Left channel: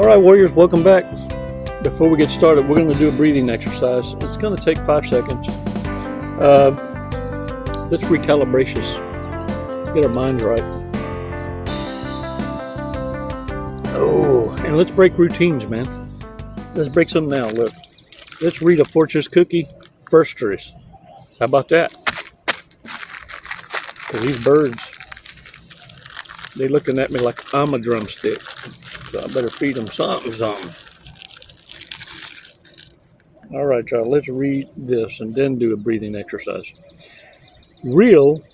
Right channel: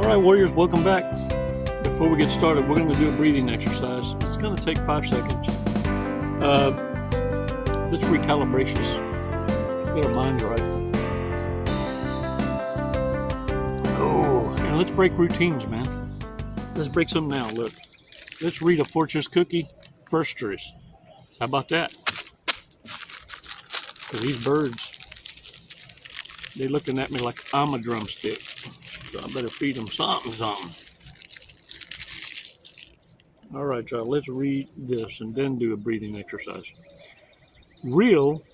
All right, warriors, welcome back. Before we get started, we're going to do a breathing exercise. It's going to take 5 seconds. Let's recalibrate this. Get our minds right. Oh, and let's break routines, man. Let's break some now. Look, let's read a fortune cookie first choice. How about that? Because these birds, they looking at me like I'm a drumstick. So I better feed them something. All right, y'all, let's read this and then do a breathing exercise. Real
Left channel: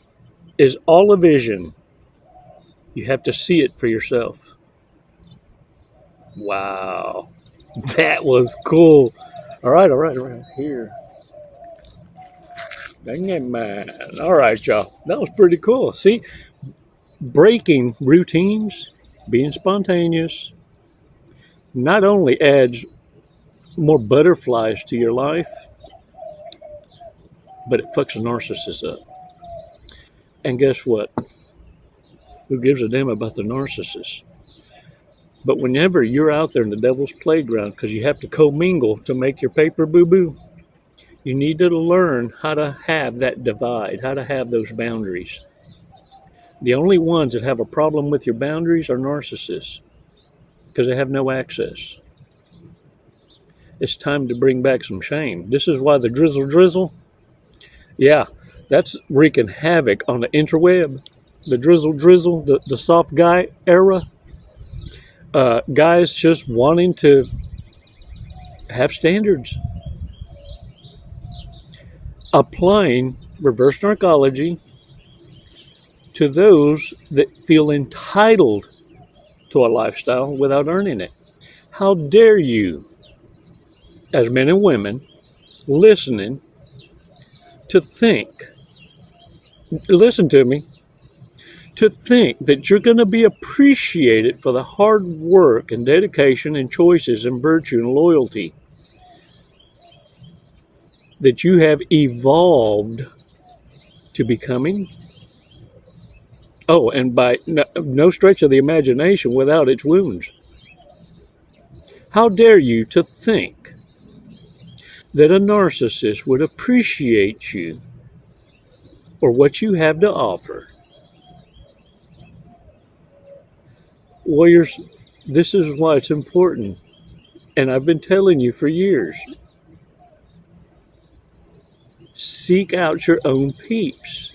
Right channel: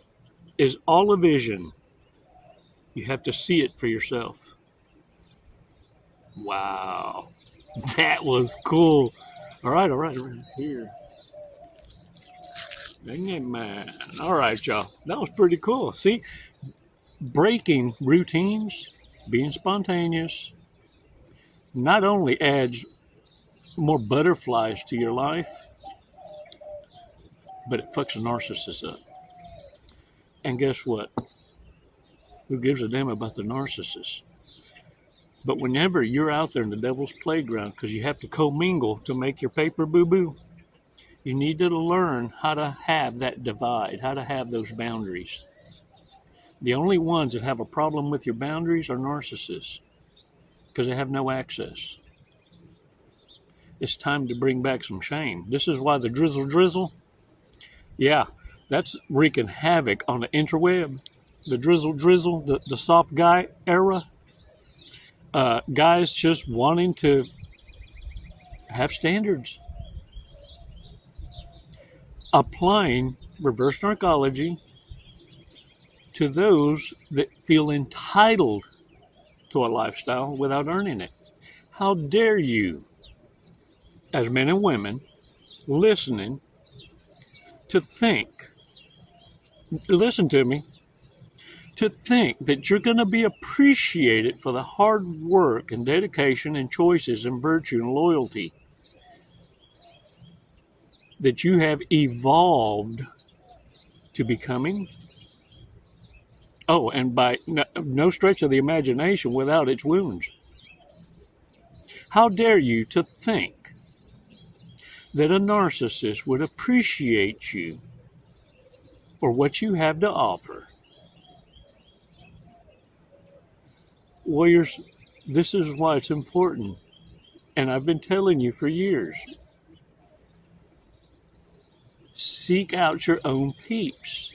is all a vision. You have to see it for yourself. Wow, that was cool. All right, here. Dang it, man. All right, y'all, that was pretty cool. See, breaking routines, being spontaneous, not only adds more butterflies to your life, but it fucks a narcissist up. And guess what? Who gives a damn about the narcissist? But whenever you're out there in the devil's playground, because you have to commingle to make your paper boo-boo, you need to learn how to have that divide, how to have those boundaries. The only ones that have a problem with your boundaries are narcissists, because they have no access. It's time to bring back some shame. This is why the drizzle, yeah, that's wreaking havoc on the interweb. The drizzle, the soft guy era. Guys just wanting to have standards. Applying reverse narcology to those that feel entitled to a lifestyle without earning it. How dare you, as men and women, listening, to think, listen to me, to think that you're going to be appreciated for the hard work and dedication and choices and virtue and loyalty that you have evolved to becoming. Oh, and by no stretch of the imagination without its wounds. How dare you to think that a narcissist would appreciate you or what you have to offer? Warriors, this is why it's important, and I've been telling you for years. Seek out your own peeps.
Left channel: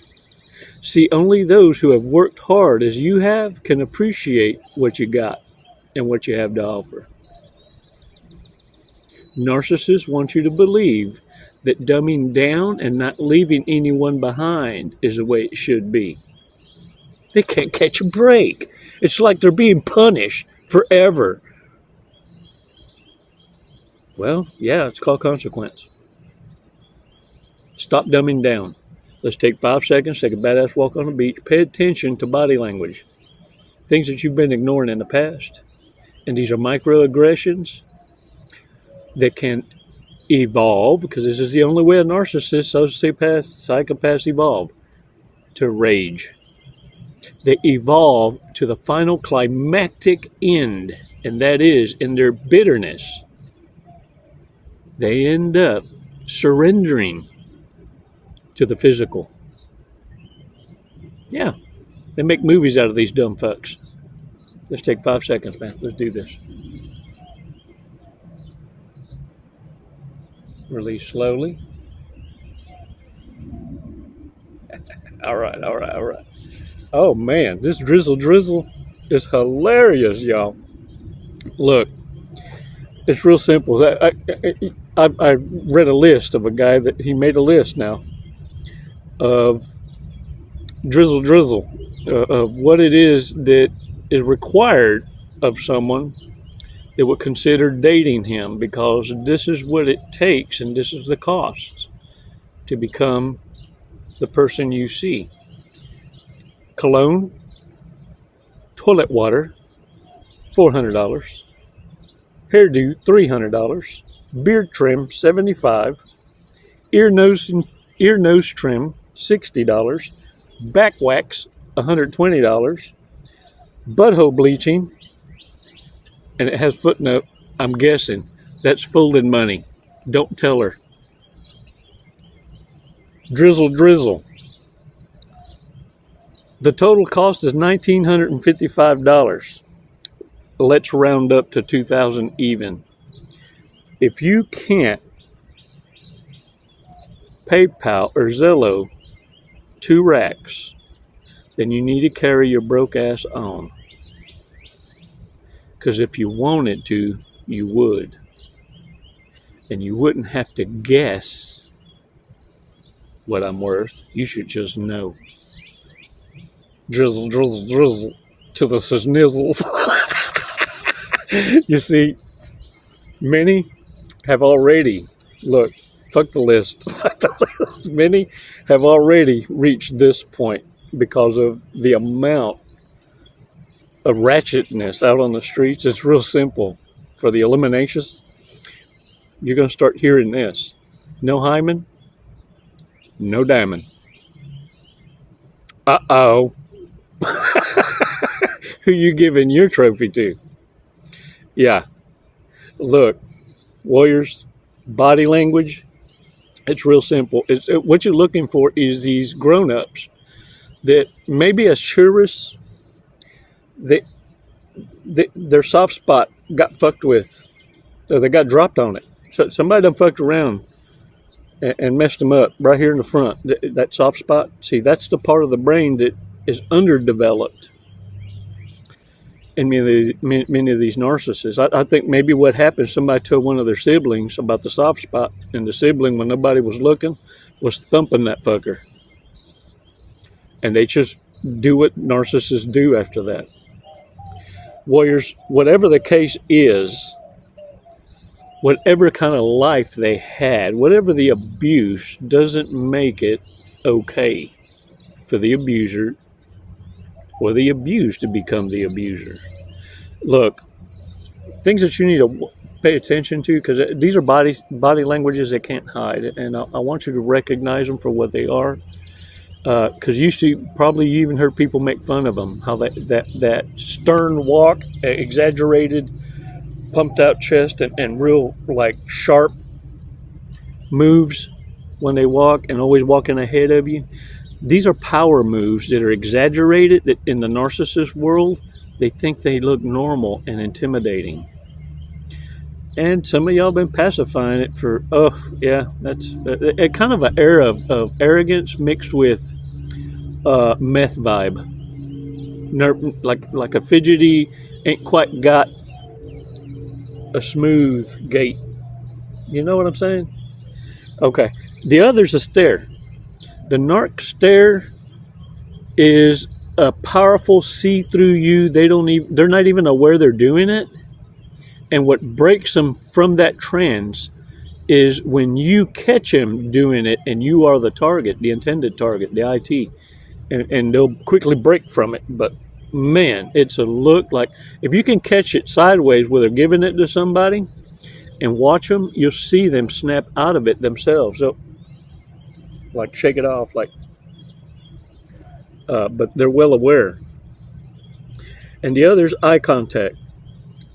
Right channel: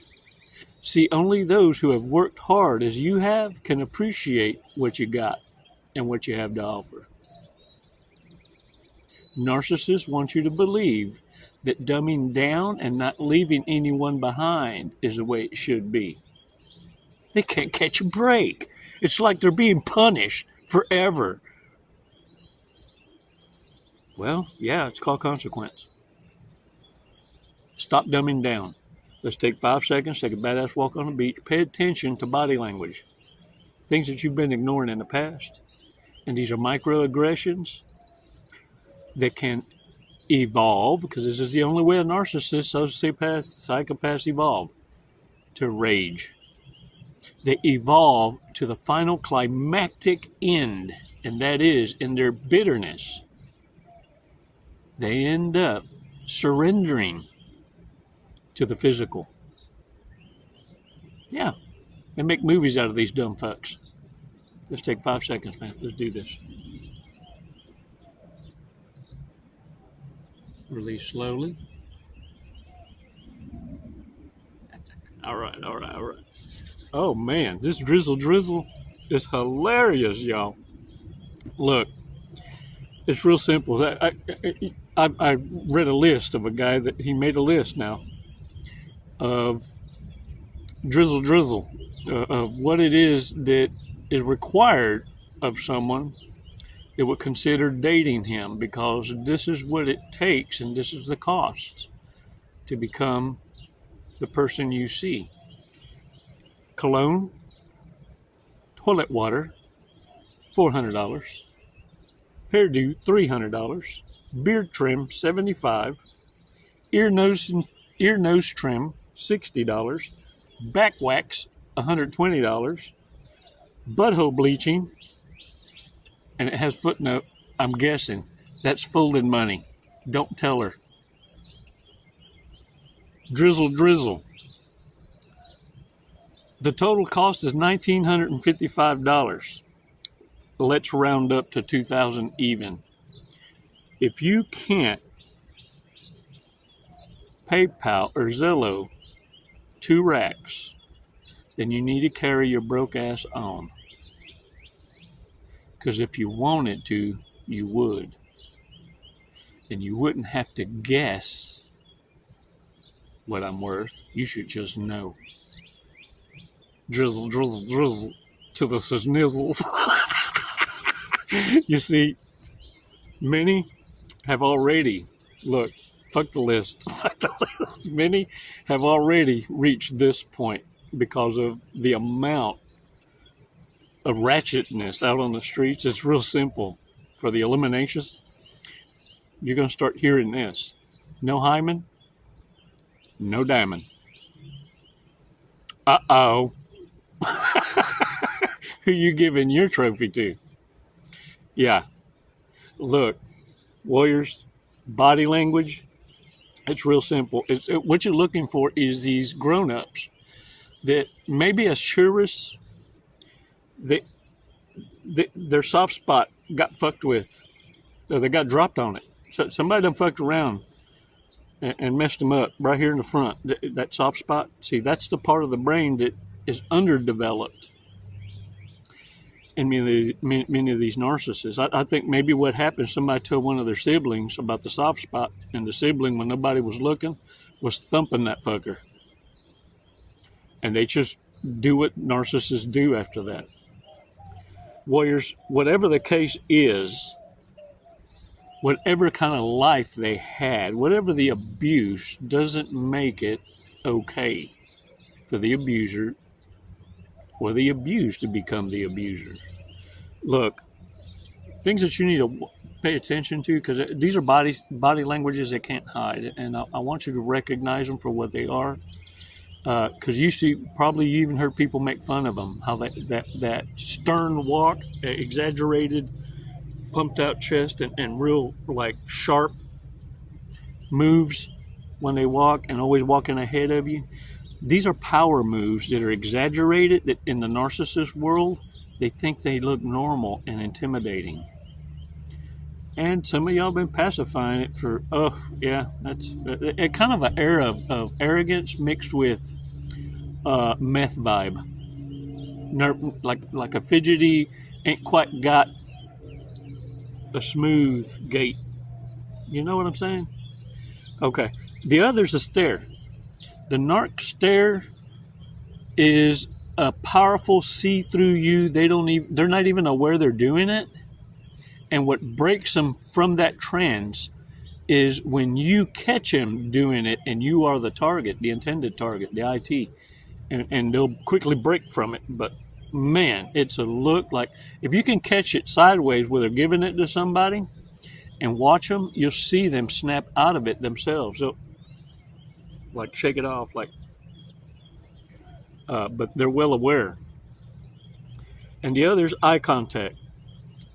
See, only those who have worked hard as you have can appreciate what you got and what you have to offer. Narcissists want you to believe that dumbing down and not leaving anyone behind is the way it should be. They can't catch a break. It's like they're being punished forever. Well, yeah, it's called consequence. Stop dumbing down. Let's take 5 seconds, take a badass walk on the beach. Pay attention to body language. Things that you've been ignoring in the past. And these are microaggressions that can evolve, because this is the only way a narcissist, sociopath, psychopaths evolve, to rage. They evolve to the final climactic end, and that is in their bitterness. They end up surrendering to the physical. Yeah, they make movies out of these dumb fucks. Let's take 5 seconds, man. Let's do this. Release slowly. All right. Oh, man, this drizzle is hilarious, y'all. Look, it's real simple. I read a list of a guy that he made a list now of drizzle, of what it is that is required of someone that would consider dating him, because this is what it takes and this is the cost to become the person you see. Cologne, toilet water, $400, hairdo, $300, beard trim, $75, ear nose trim, $60, back wax, $120, butthole bleaching, and it has footnote. I'm guessing that's folded money. Don't tell her. Drizzle, drizzle. The total cost is $1,955. Let's round up to $2,000 even. If you can't PayPal or Zillow 2 racks, then you need to carry your broke ass on. Because if you wanted to, you would. And you wouldn't have to guess what I'm worth. You should just know. Drizzle, drizzle, drizzle to the snizzles. You see, many have already, look, fuck the list. Fuck the list. Many have already reached this point because of the amount of ratchetness out on the streets. It's real simple. For the eliminations, you're going to start hearing this. No hymen, no diamond. Uh-oh. Who you giving your trophy to? Yeah. Look, warriors, body language, it's real simple. What you're looking for is these grown-ups that maybe as tourists, their soft spot got fucked with, or they got dropped on it. So somebody done fucked around and messed them up right here in the front. That soft spot, see, that's the part of the brain that is underdeveloped in many of these narcissists. I think maybe what happened, somebody told one of their siblings about the soft spot, and the sibling, when nobody was looking, was thumping that fucker. And they just do what narcissists do after that. Warriors, whatever the case is, whatever kind of life they had, whatever the abuse, doesn't make it okay for the abuser or the abused to become the abuser. Look, things that you need to pay attention to, because these are body languages they can't hide, and I want you to recognize them for what they are. Because you see, probably you even heard people make fun of them, how that stern walk, exaggerated, pumped out chest, and real like sharp moves when they walk, and always walking ahead of you. These are power moves that are exaggerated, that in the narcissist world, they think they look normal and intimidating. And some of y'all been pacifying it for, oh, yeah, that's a kind of an era of arrogance mixed with meth vibe. Like a fidgety, ain't quite got a smooth gait. You know what I'm saying? Okay. The other's a stare. The narc stare is a powerful see-through you. They're not even aware they're doing it. And what breaks them from that trance is when you catch them doing it and you are the target, the intended target, the IT, and they'll quickly break from it. But man, it's a look like, if you can catch it sideways where they're giving it to somebody and watch them, you'll see them snap out of it themselves. So, like, shake it off, like, but they're well aware. And the other's eye contact.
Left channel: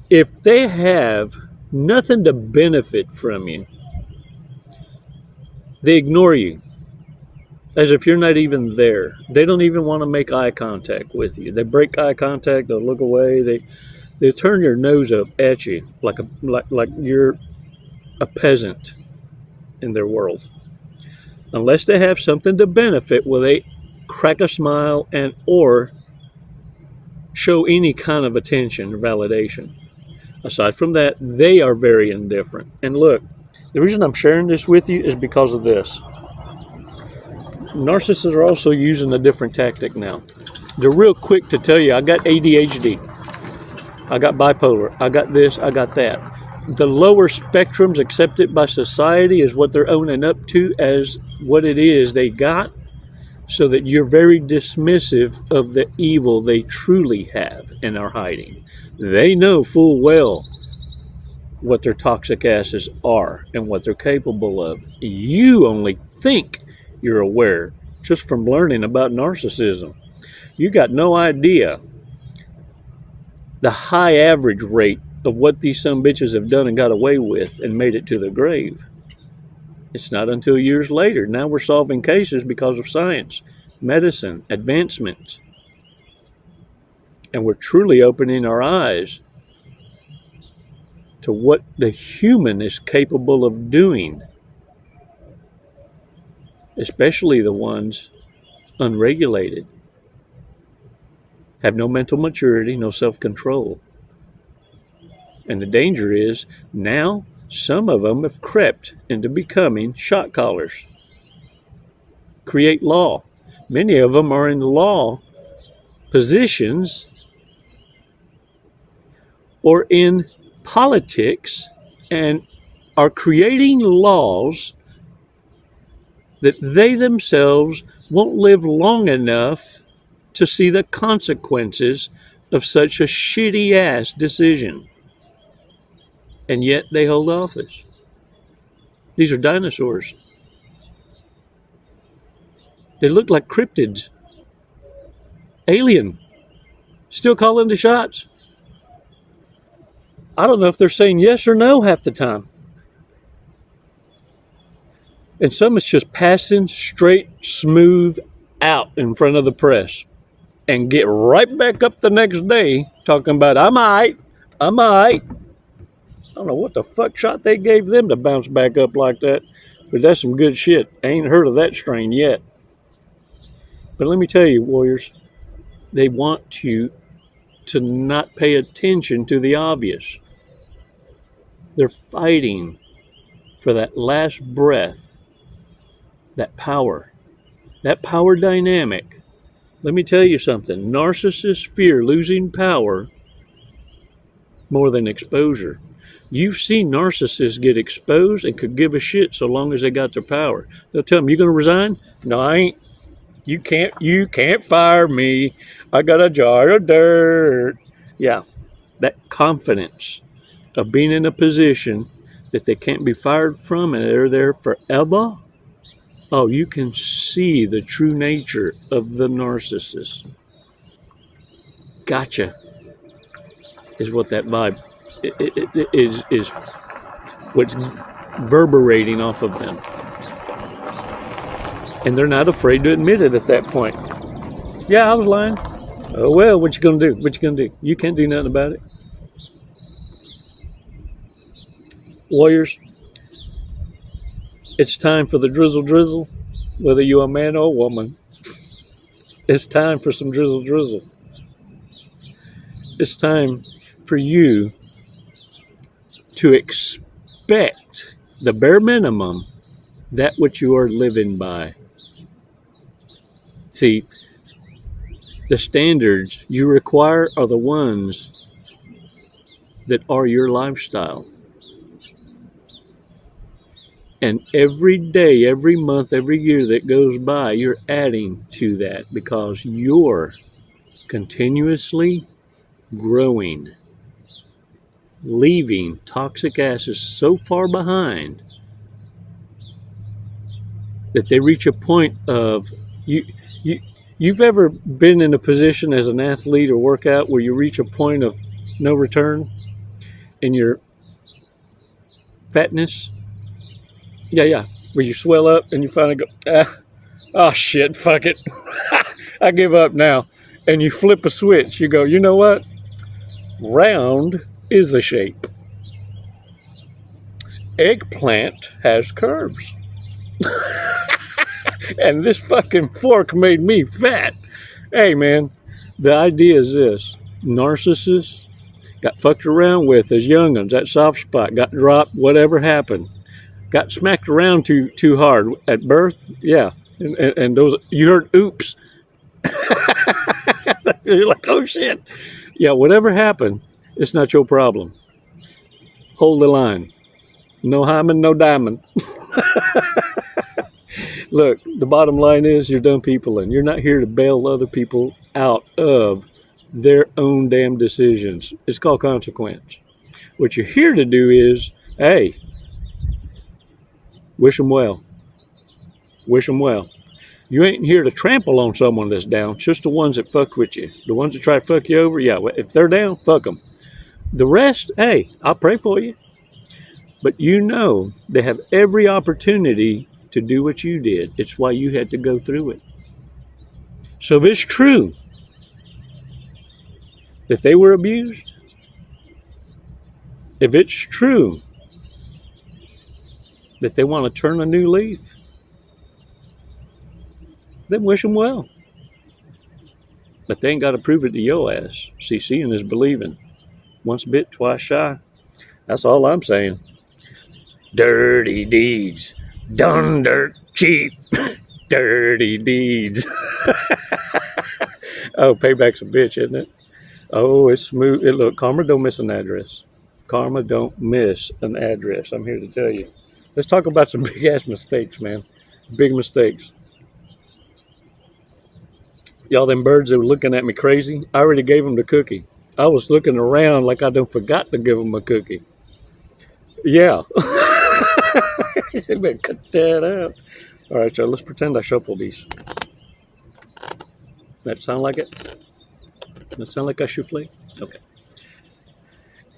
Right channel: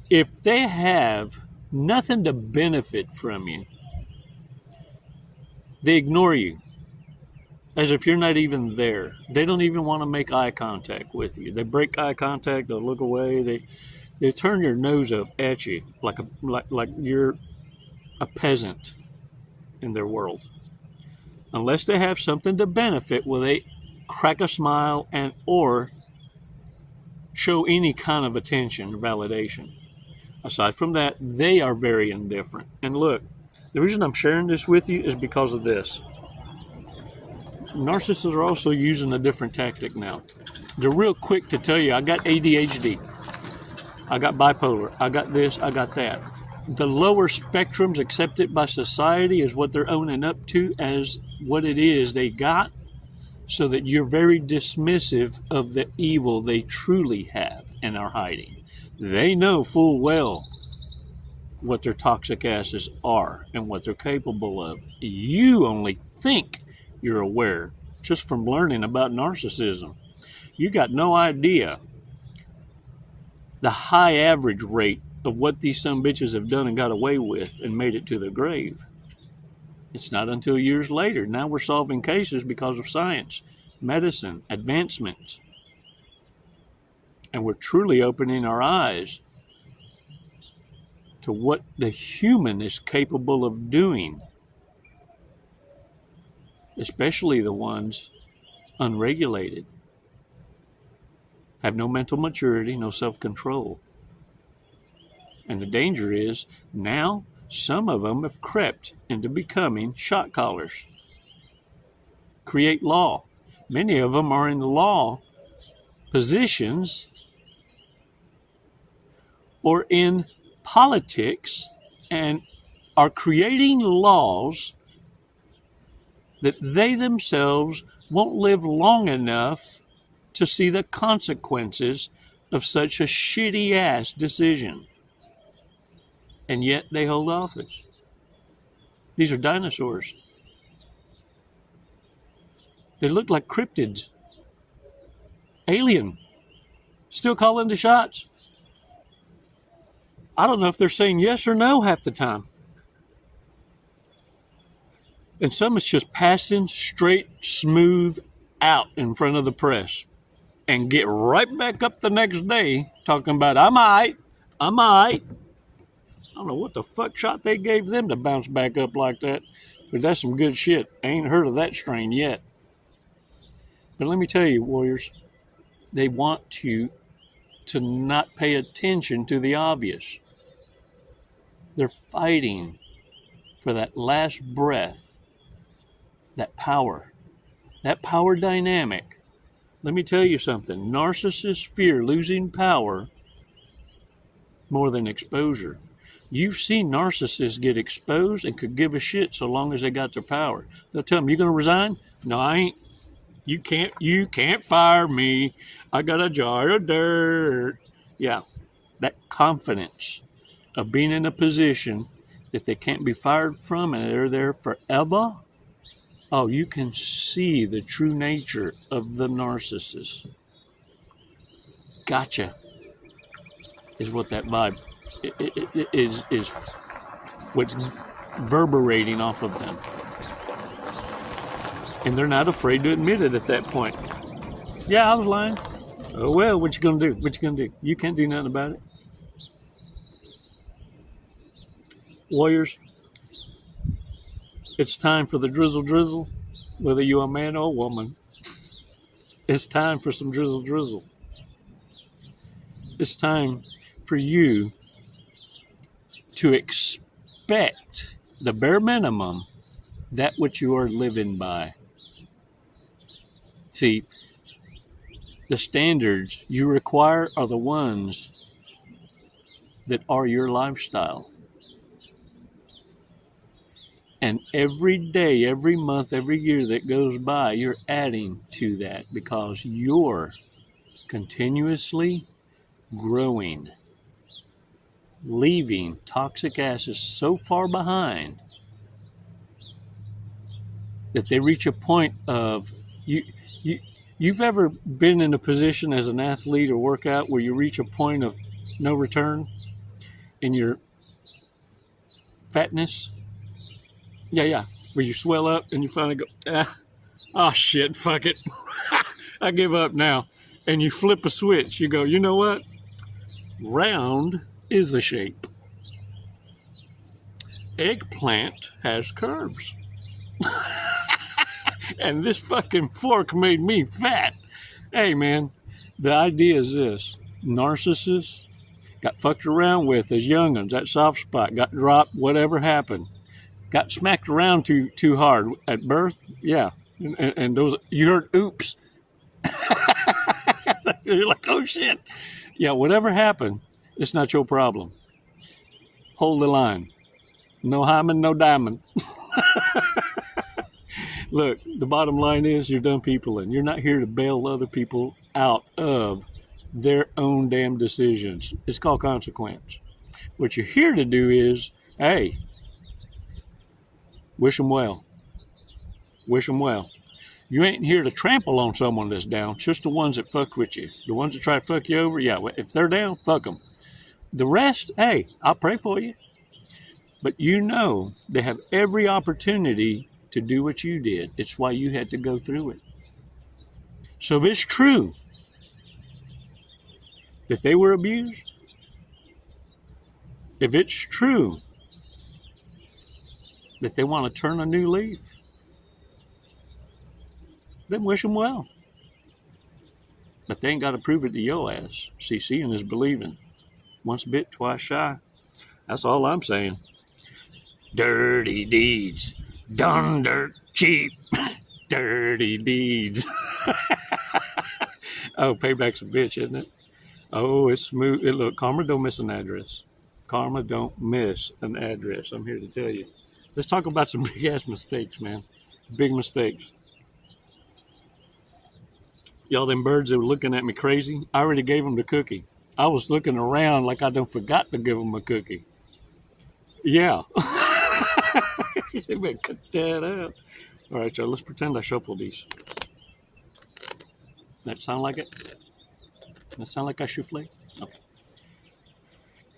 If they have nothing to benefit from you, they ignore you as if you're not even there. They don't even want to make eye contact with you. They break eye contact, they'll look away, they turn their nose up at you like you're a peasant in their world. Unless they have something to benefit, will they crack a smile and or show any kind of attention or validation. Aside from that, they are very indifferent. And look, the reason I'm sharing this with you is because of this. Narcissists are also using a different tactic now. They're real quick to tell you, I got ADHD, I got bipolar, I got this, I got that. The lower spectrums accepted by society is what they're owning up to as what it is they got, so that you're very dismissive of the evil they truly have and are hiding. They know full well what their toxic asses are and what they're capable of. You only think you're aware just from learning about narcissism. You got no idea the high average rate of what these sumbitches have done and got away with and made it to the grave. It's not until years later. Now we're solving cases because of science, medicine, advancements. And we're truly opening our eyes to what the human is capable of doing, especially the ones unregulated, have no mental maturity, no self-control. And the danger is now some of them have crept into becoming shot callers, create law. Many of them are in law positions or in politics and are creating laws that they themselves won't live long enough to see the consequences of such a shitty ass decision. And yet they hold office. These are dinosaurs. They look like cryptids. Alien. Still calling the shots. I don't know if they're saying yes or no half the time. And some is just passing straight, smooth out in front of the press and get right back up the next day talking about, I might. I don't know what the fuck shot they gave them to bounce back up like that, but that's some good shit. I ain't heard of that strain yet. But let me tell you, warriors, they want you to not pay attention to the obvious. They're fighting for that last breath, that power dynamic. Let me tell you something. Narcissists fear losing power more than exposure. You've seen narcissists get exposed and could give a shit so long as they got their power. They'll tell them, you going to resign? No, I ain't. You can't fire me. I got a jar of dirt. Yeah, that confidence of being in a position that they can't be fired from and they're there forever. Oh, you can see the true nature of the narcissist. Gotcha is what that vibe is what's reverberating off of them. And they're not afraid to admit it at that point. Yeah, I was lying. Oh, well, what you gonna do? What you gonna do? You can't do nothing about it. Warriors, it's time for the drizzle, whether you're a man or a woman. It's time for some drizzle. It's time for you to expect the bare minimum, that which you are living by. See, the standards you require are the ones that are your lifestyle. And every day, every month, every year that goes by, you're adding to that because you're continuously growing, leaving toxic asses so far behind that they reach a point of you've ever been in a position as an athlete or workout where you reach a point of no return in your fatness? Yeah, where you swell up and you finally go, oh shit, fuck it. I give up now. And you flip a switch. You go, you know what? Round is the shape. Eggplant has curves. And this fucking fork made me fat. Hey man, the idea is this. Narcissists got fucked around with as young'uns, that soft spot, got dropped, whatever happened. Got smacked around too hard at birth, yeah. And those, you heard oops. You're like, oh shit. Yeah, whatever happened, it's not your problem. Hold the line. No hymen, no diamond. Look, the bottom line is you're dumb people and you're not here to bail other people out of their own damn decisions. It's called consequence. What you're here to do is, hey, wish them well. Wish them well. You ain't here to trample on someone that's down, just the ones that fuck with you. The ones that try to fuck you over, yeah, if they're down, fuck them. The rest, hey, I'll pray for you. But you know they have every opportunity to do what you did. It's why you had to go through it. So if it's true that they were abused, if it's true that they want to turn a new leaf, then wish them well. But they ain't got to prove it to your ass. See, seeing is believing. Once bit, twice shy. That's all I'm saying. Dirty deeds, done dirt cheap. Dirty deeds. Oh, payback's a bitch, isn't it? Oh, it's smooth. Look, karma don't miss an address. Karma don't miss an address. I'm here to tell you. Let's talk about some big-ass mistakes, man. Big mistakes. Y'all, them birds that were looking at me crazy, I already gave them the cookie. I was looking around like I done forgot to give them a cookie. Yeah. They better cut that out. All right, y'all, let's pretend I shuffle these. That sound like it? That sound like I souffle? Okay.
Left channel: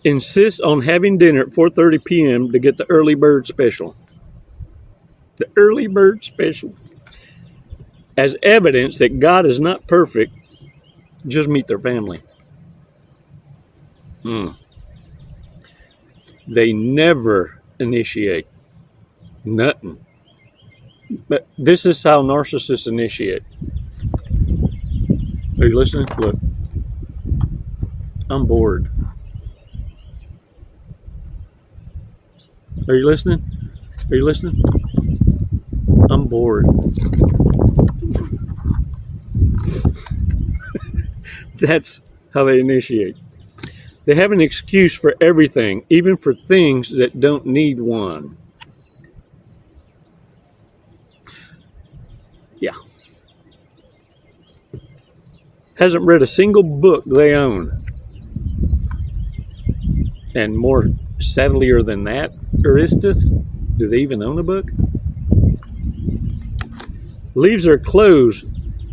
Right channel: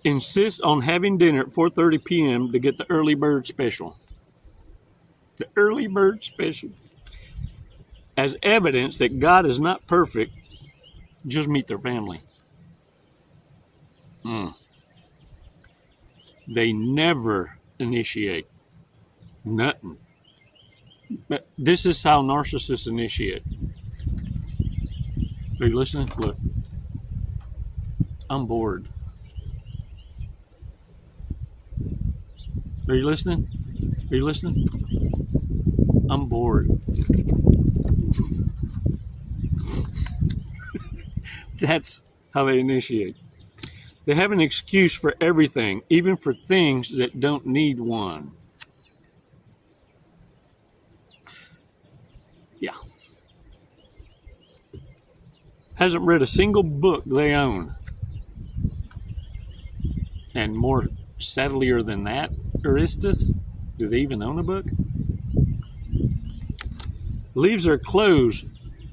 Insist on having dinner at 4:30 p.m. to get the early bird special. The early bird special. As evidence that God is not perfect, just meet their family. They never initiate. Nothing. But this is how narcissists initiate. Are you listening? Look. I'm bored. Are you listening? Are you listening? I'm bored. That's how they initiate. They have an excuse for everything, even for things that don't need one. Yeah. Hasn't read a single book they own. And more sadlier than that, Narcissists, do they even own a book? Leaves their clothes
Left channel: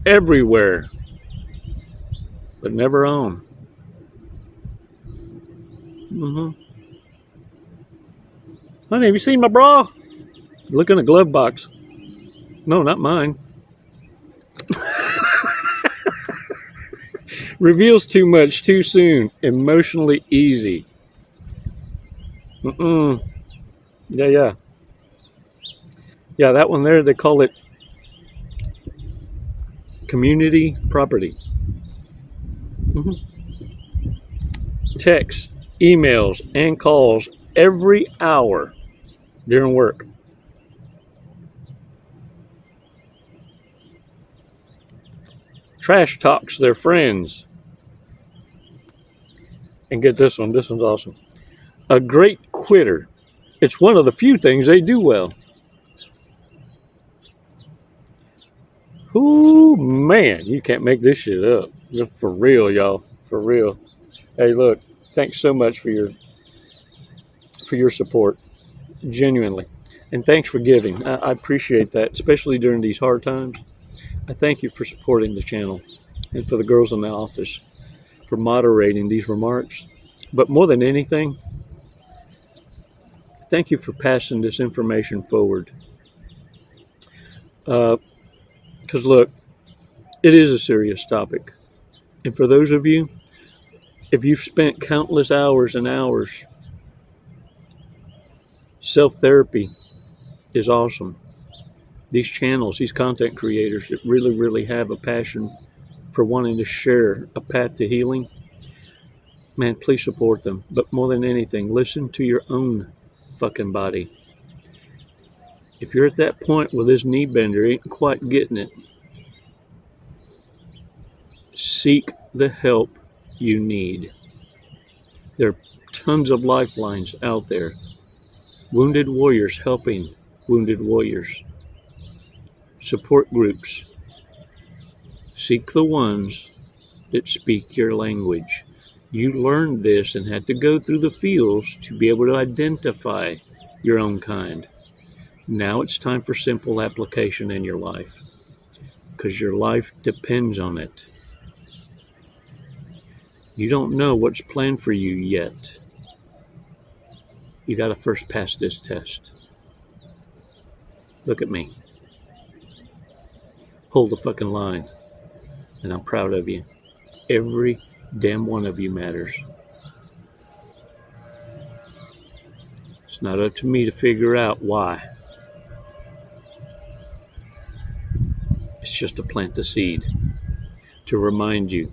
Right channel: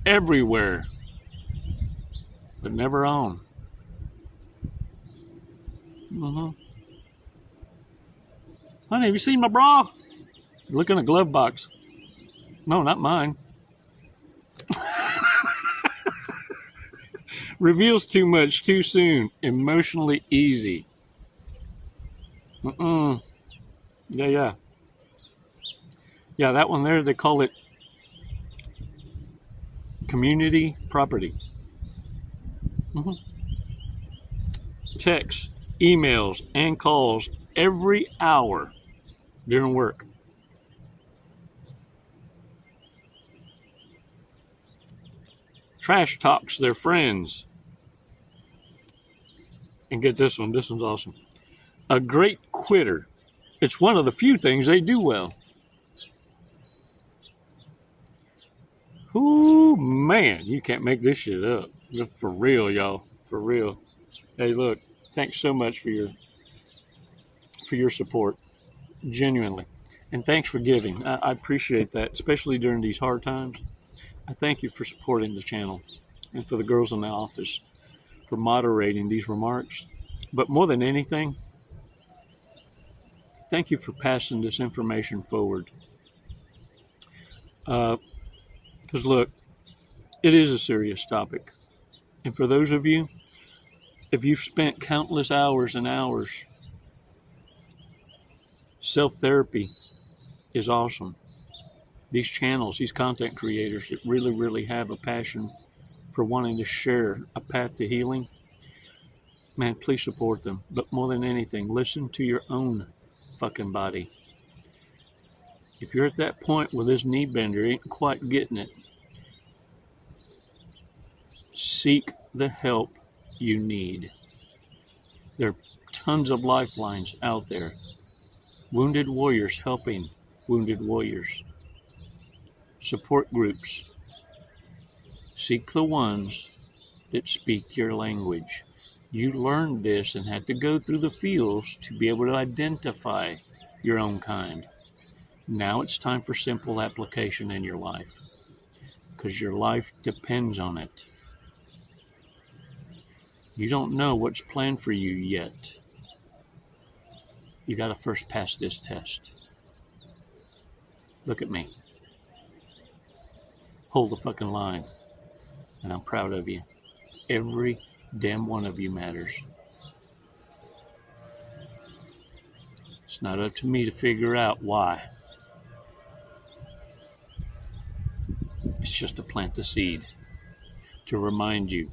everywhere, but never on. Honey, have you seen my bra? Look in a glove box. No, not mine. Reveals too much too soon. Emotionally easy. Yeah, that one there, they call it community property. Texts, emails, and calls every hour during work. Trash talks their friends. And get this one. This one's awesome. A great quitter. It's one of the few things they do well. Ooh, man, you can't make this shit up. For real, y'all. For real. Hey, look, thanks so much for your support. Genuinely. And thanks for giving. I appreciate that, especially during these hard times. I thank you for supporting the channel and for the girls in the office for moderating these remarks. But more than anything, thank you for passing this information forward. Because look, it is a serious topic. And for those of you, if you've spent countless hours and hours, self-therapy is awesome. These channels, these content creators that really, really have a passion for wanting to share a path to healing, man, please support them. But more than anything, listen to your own fucking body. If you're at that point where this knee bender ain't quite getting it, seek the help you need. There are tons of lifelines out there. Wounded warriors helping wounded warriors. Support groups. Seek the ones that speak your language. You learned this and had to go through the fields to be able to identify your own kind. Now it's time for simple application in your life, because your life depends on it. You don't know what's planned for you yet. You got to first pass this test. Look at me. Hold the fucking line. And I'm proud of you. Every damn one of you matters. It's not up to me to figure out why. It's just to plant the seed. To remind you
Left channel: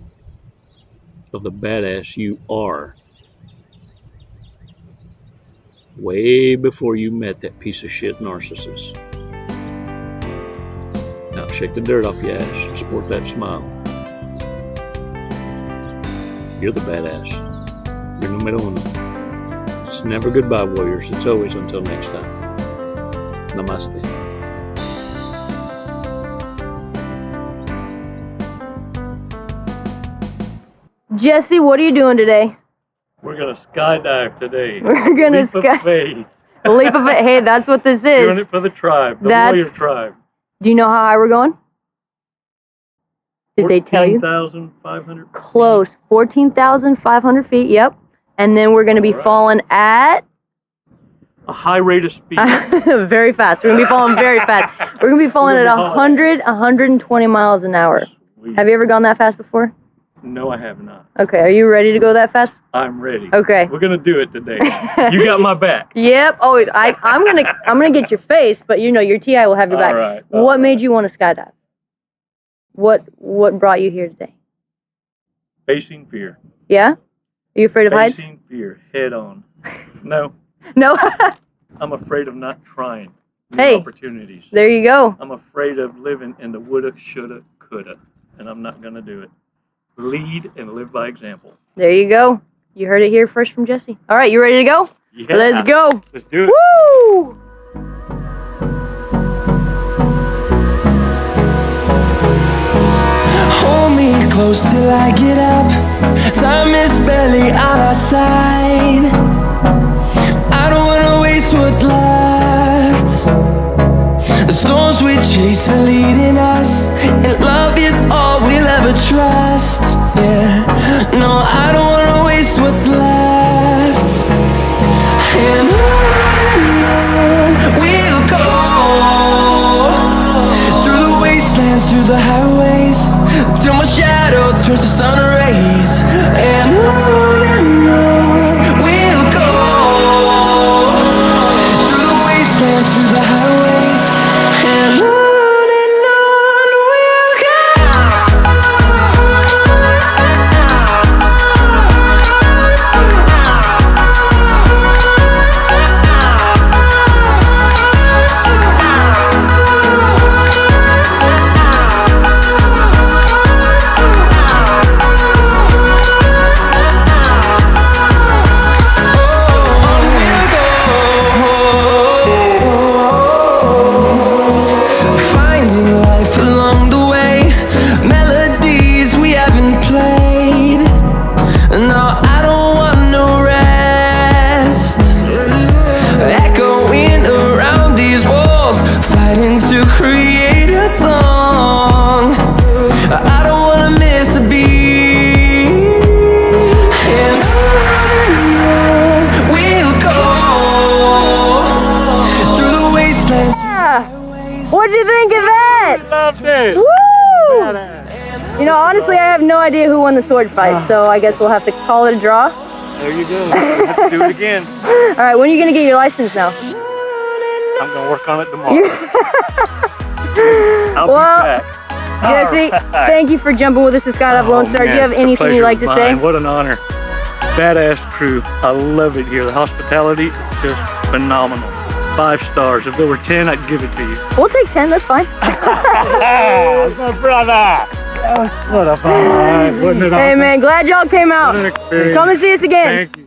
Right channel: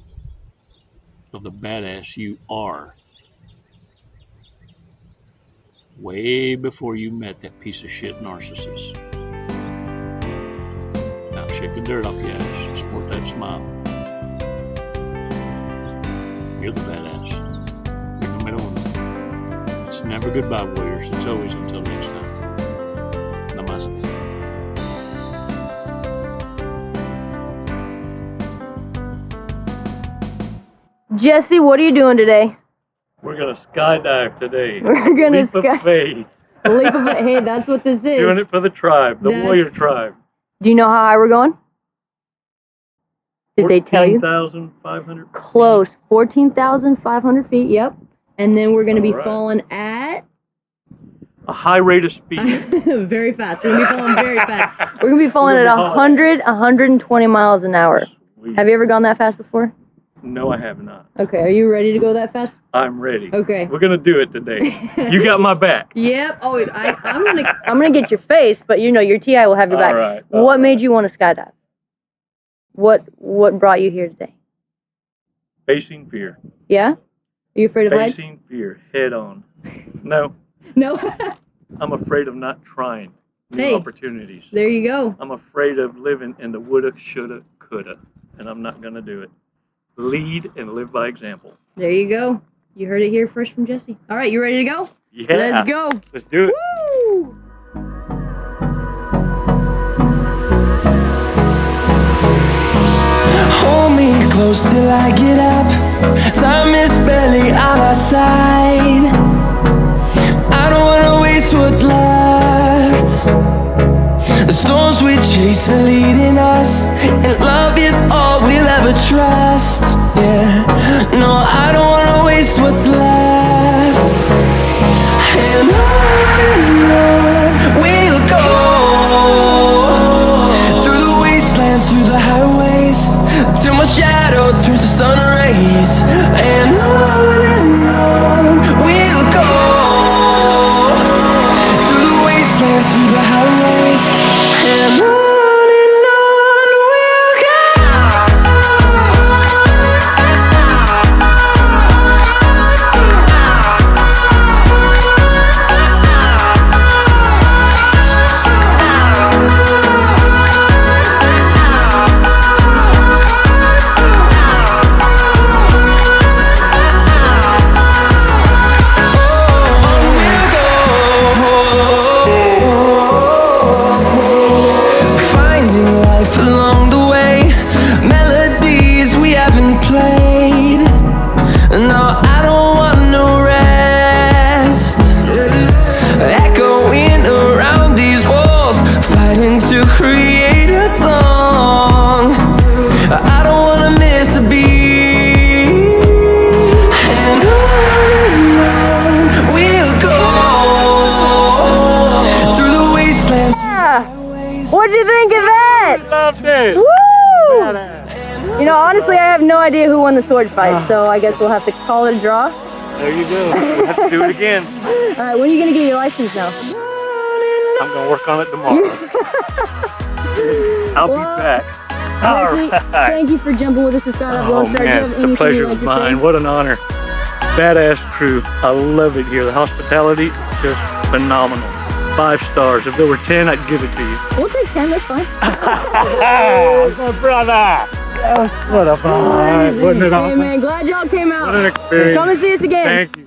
of the badass you are. Way before you met that piece of shit narcissist. Now shake the dirt off your ass and sport that smile. You're the badass. You're numero uno. It's never goodbye, warriors. It's always until next time. Namaste. Jesse, what are you doing today? We're gonna skydive today. We're gonna Leap of faith. Leap of faith. Hey, that's what this is. Doing it for the tribe, the warrior tribe. Do you know how high we're going? Did they tell you? 14,500 feet. Close. 14,500 feet, yep. And then we're going to be falling at... a high rate of speed. Very fast. We're going to be falling very fast. We're going to be falling at 120 miles an hour. Sweet. Have you ever gone that fast before? No, I have not. Okay, are you ready to go that fast? I'm ready. Okay. We're going to do it today. You got my back. Yep. Oh, I'm gonna get your face, but you know your TI will have your back. All right. What made you want to skydive? What brought you here today? Facing fear. Yeah? Are you afraid of heights? Facing fear head on. No. No. I'm afraid of not trying new opportunities. There you go. I'm afraid of living in the woulda, shoulda, coulda, and I'm not going to do it. Lead and live by example. There you go. You heard it here first from Jesse. All right, you ready to go? Yeah. Let's go. Let's do it. Woo! Hold me close till I get up. Time is barely on our side. I don't wanna waste what's left. The storms we chase are leading us, and love is all we'll ever trust. Yeah, no, I don't wanna waste what's left. And on we'll go, through the wastelands, through the highways, till my shadow turns to sun rays. And on we'll go, through the wastelands, through the highways, and on we'll go. No, I don't want no rest. Echoing around these walls, fighting to create a song. I don't wanna miss a beat. And on we'll go, through the wastelands. What'd you think of that? Loved it. Woo! You know, honestly, I have no idea who won the sword fight, so I guess we'll have to call it a draw. There you go. We'll have to do it again. All right, when are you going to get your license now? I'm going to work on it tomorrow. I'll be back. Jesse, thank you for jumping with us at Skydiving Lone Star. Do you have anything you'd like to say? What an honor. Badass crew. I love it here. The hospitality, just phenomenal. 5 stars. If there were 10, I'd give it to you. We'll take 10, that's fine. My brother. What a fun. Wasn't it awesome? Hey man, glad y'all came out. What an experience. Come and see us again. Thank you.